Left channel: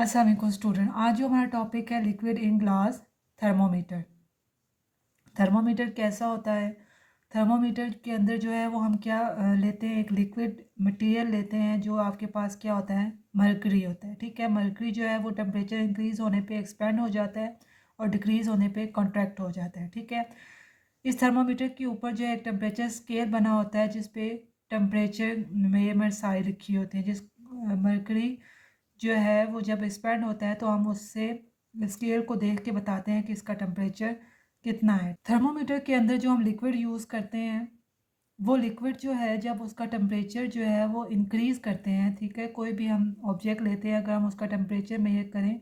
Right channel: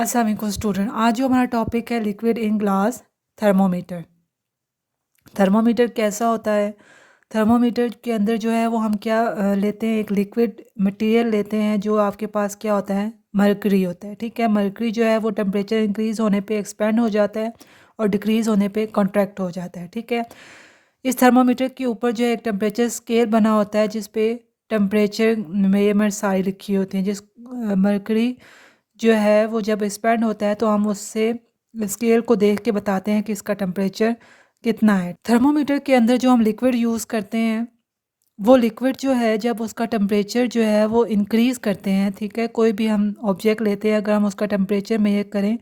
अस्सलाम वालेकुम स्टूडेंट। आज जो हमारा टॉपिक है liquid in glass thermometer. Thermometer कैसा होता है? थर्मोमीटर के अंदर जो है वो हम क्या लेते हैं, एक लिक्विड मटेरियल लेते हैं जो आपके पास क्या होता है, मरकरी होता है। ठीक है, मरकरी जो है वो टेम्परेचर इंक्रीज़ होने पे एक्सपेंड हो जाता है और डिक्रीज़ होने पे कॉन्ट्रैक्ट हो जाता है। ठीक है, इस थर्मोमीटर के ऊपर जो है एक टेम्परेचर स्केल बना होता है जिस पे टेम्परेचर मेजरमेंट सारी लिखी होती हैं। जिस मरकरी जो है वो जब एक्सपेंड होता है तो हम उससे स्केल को देख के बताते हैं कि इसका टेम्परेचर कितना है। थर्मोमीटर के अंदर जो हम लिक्विड यूज़ करते हैं वो लिक्विड जो है जब उसका टेम्परेचर जो है वो इंक्रीज़ करते हैं, ठीक है, कोई भी हम ऑब्जेक्ट लेते हैं, अगर हम उसका टेम्परेचर मेजर करें,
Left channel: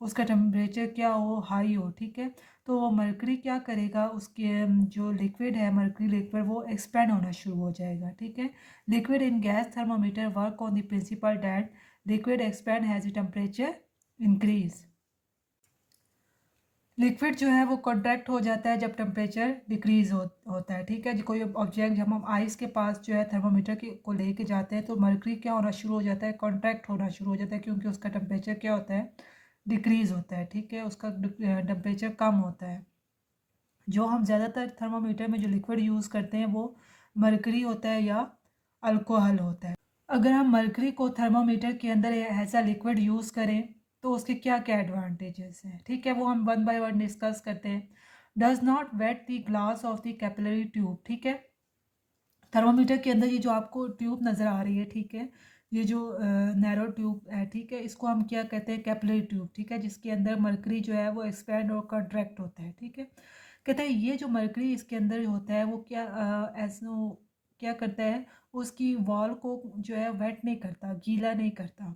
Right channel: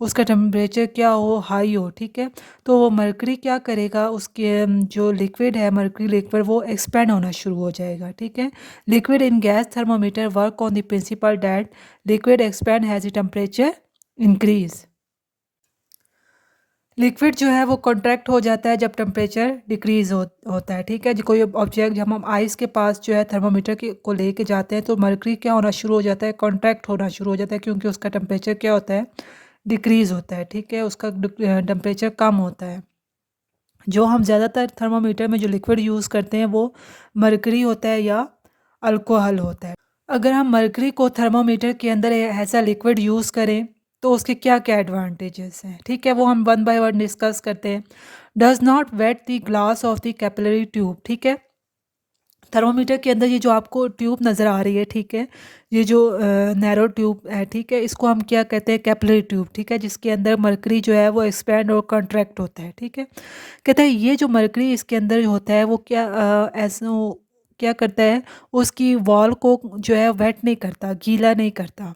उसका टेम्परेचर क्या हो, हाई हो, ठीक है, तो वो मरकरी क्या करेगा, उसके जो लिक्विड है मरकरी लिक्विड वो एक्सपेंड होना शुरू हो जाएगा। ठीक है, liquid in gas thermometer work on the principle that liquid expand has the temperature increase. Liquid जो है वो कॉन्ट्रैक्ट हो जाता है जब टेम्परेचर डिक्रीज़ होता है। ठीक है, जो कोई ऑब्जेक्ट जब हम आइस के पास जो है थर्मोमीटर के को लेके जाते हैं तो मरकरी क्या होना शुरू हो जाता है, कॉन्ट्रैक्ट होना शुरू हो जाता है, क्योंकि उसका टेम्परेचर क्या होता है, डिक्रीज़ होता है। ठीक है, उसका टेम्परेचर कम होता है। जो हम ज़्यादातर थर्मोमीटर में जो लिक्विड यूज़ करते हैं वो मरकरी होता है या अल्कोहल होता है। अगर हम मरकरी को थर्मोमीटर के अंदर ऐसा लिक्विड यूज़ करें तो उसके क्या क्या एडवांटेजेस हैं, ठीक है, वो हम वन बाय वन डिस्कस करते हैं। Does not wet the glass of the capillary tube. ठीक है, थर्मोमीटर के अंदर ये जो आपको ट्यूब नज़र आ रही है, ठीक है, ये जो नैरो ट्यूब है, ठीक है, इसको हम क्या कहते हैं, कैपिलरी ट्यूब। ठीक है, जिसके अंदर मरकरी जो है वो एक्सपैंड और कॉन्ट्रैक्ट होता है। ठीक है, कहते हैं ये जो मरकरी इसके अंदर होता है वो क्या ऐसा क्या करता है, उसकी वॉल को जो है वेट नहीं करता, गीला नहीं करता।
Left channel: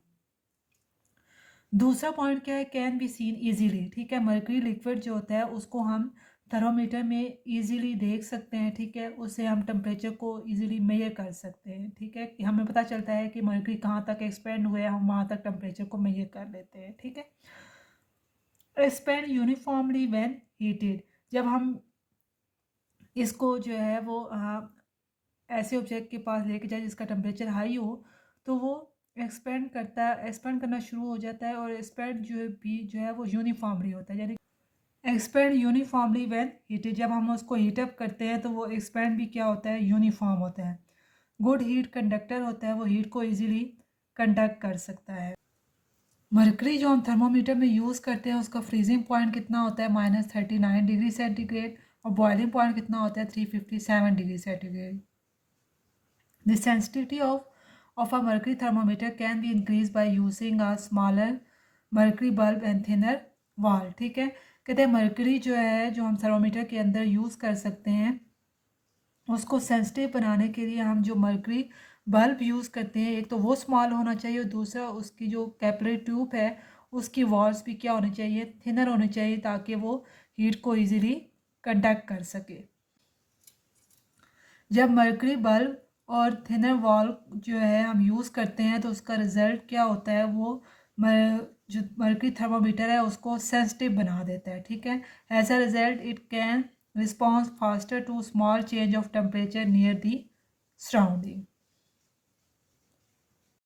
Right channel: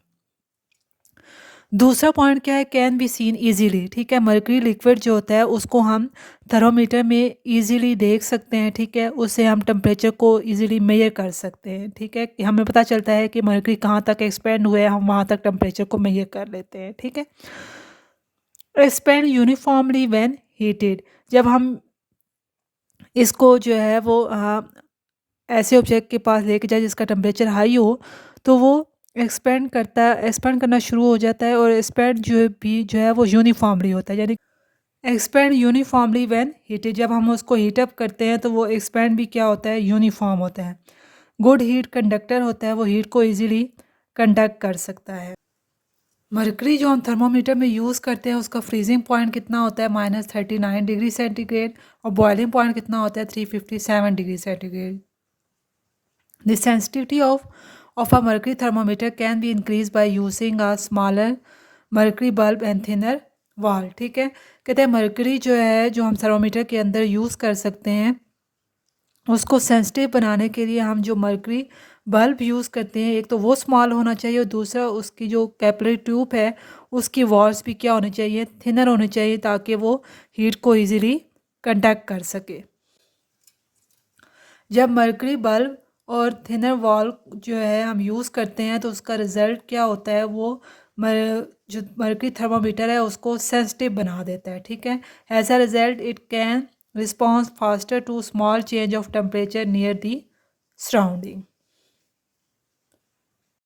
दूसरा पॉइंट क्या है, कैन बी सीन इजीली। ठीक है, मरकरी लिक्विड जो होता है उसको हम थर्मोमीटर में इजीली देख सकते हैं। ठीक है, उससे हम टेम्परेचर को इजीली मेजर कर सकते हैं। ठीक है, कि हमें पता चलता है कि मरकरी कहाँ तक एक्सपेंड हुआ है, हम वहाँ तक टेम्परेचर को मेजर कर लेते हैं। ठीक है, एक्सपेंड यूनिफॉर्मली व्हेन हीटेड। जब हम इसको जो है वो ऐसे ऑब्जेक्ट के पास लेके जाए जिसका टेम्परेचर हाई हो तो वो एक्सपेंड करना शुरू हो जाता है, और एक्सपेंड जो है वो यूनिफॉर्मली होता है, यानी एक्सपेंड यूनिफॉर्मली व्हेन हीटेड। जब हम उसको हीटअप करते हैं तो वो एक्सपेंड भी क्या होता है, यूनिफॉर्म होता है। गुड हीट कंडक्टर होता है, वो हीट को इजीली कंडक्ट कर सकता है। मरकरी जो हम थर्मोमीटर में यूज़ करते हैं उसका फ्रीजिंग पॉइंट कितना होता है, -39 डिग्री सेंटीग्रेड, और बॉइलिंग पॉइंट कितना होता है, 357 degree centigrade. The sensitivity of a mercury thermometer can be increased by using a smaller mercury bulb and thinner wall। ठीक है, कहते हैं मरकरी जो है जो हम थर्मोमीटर के अंदर यूज़ कर सकते हैं उसको सेंसिटिव बनाने के लिए हम जो मरकरी बल्ब यूज़ करते हैं, एक तो वो स्मॉल होना चाहिए और दूसरा उसकी जो कैपिलरी ट्यूब है उसकी वॉल्स भी क्या होनी चाहिए, थिनर होनी चाहिए, ताकि वो हीट को इजीली कंडक्ट कर सके। जब मरकरी बल्ब और थिनर वॉल जो है हम यूज़ करते हैं तो उसका रिज़ल्ट क्या होता है, वो जो मरकरी थर्मोमीटर है उसको सेंसिटिव बना देता है। ठीक है, as a result it can response faster to small change of temperature near the surrounding.